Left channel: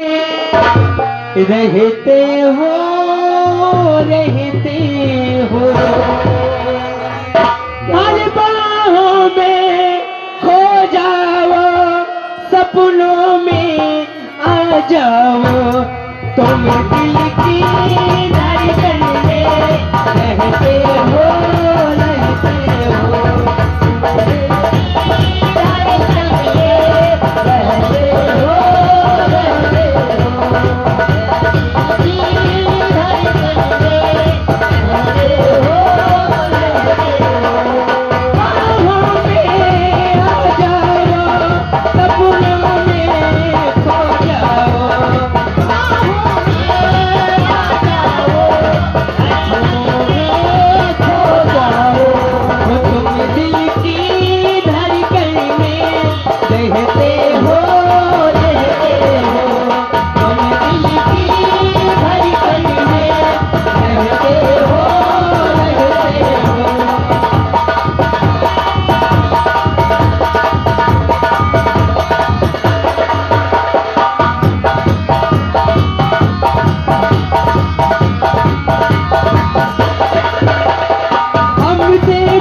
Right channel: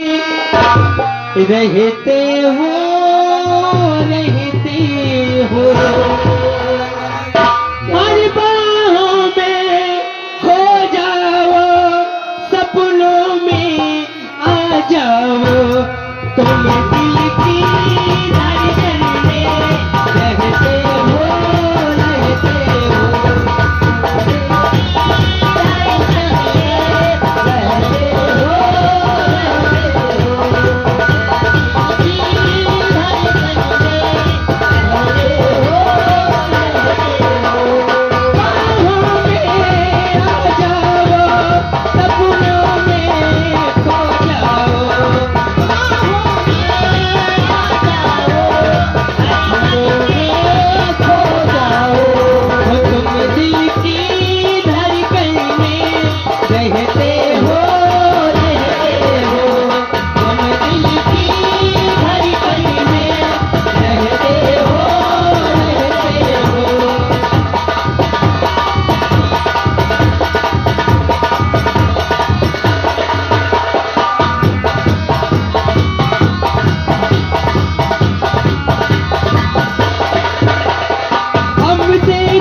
रहते हो हर बाहों में खो जाओ, सपनों में आ जाओ, तुम दिल की धड़कन में रहते हो।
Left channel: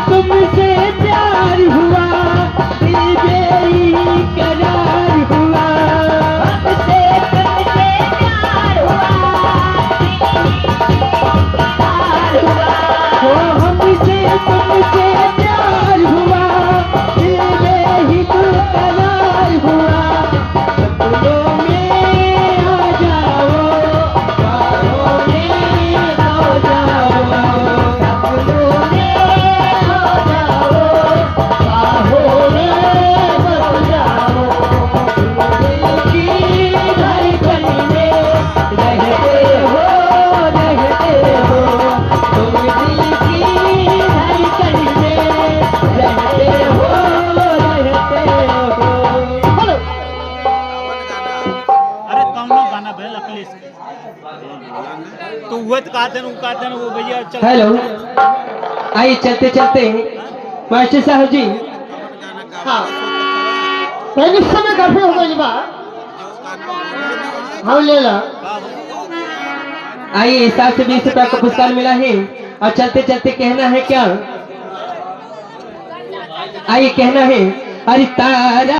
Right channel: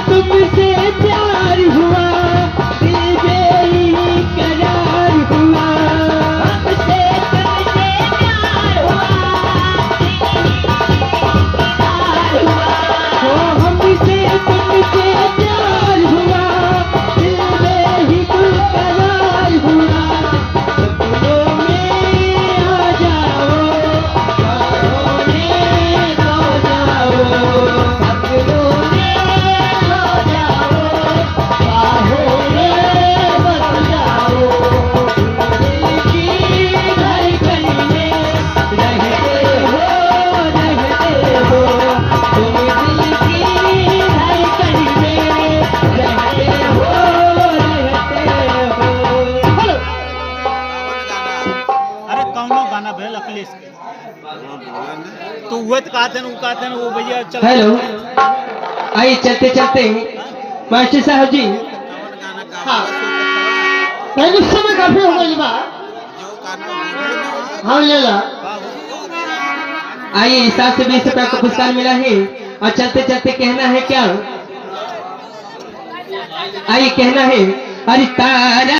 तुमसे प्यार हुआ, दिल बेकरार हुआ, हमसे तुमसे प्यार हुआ, हमसे तुमसे प्यार हुआ, दिल में ही बेकरार हुआ, सपनों में आ जाओ, बाहों में आ जाओ, सपनों में गाना भेल अखिलेश के तो वो कहते हैं वो भैया चल। हेलो, आइए चलते चलते मास्टर साहब जी। हाँ, उस समय काफी हो गई बात। हाँ ले ला। आइए 7 से 20 रुपया का पुरस्कार मिला है और चलते चलते कहना है क्या? आइए कहना है, अरे तारा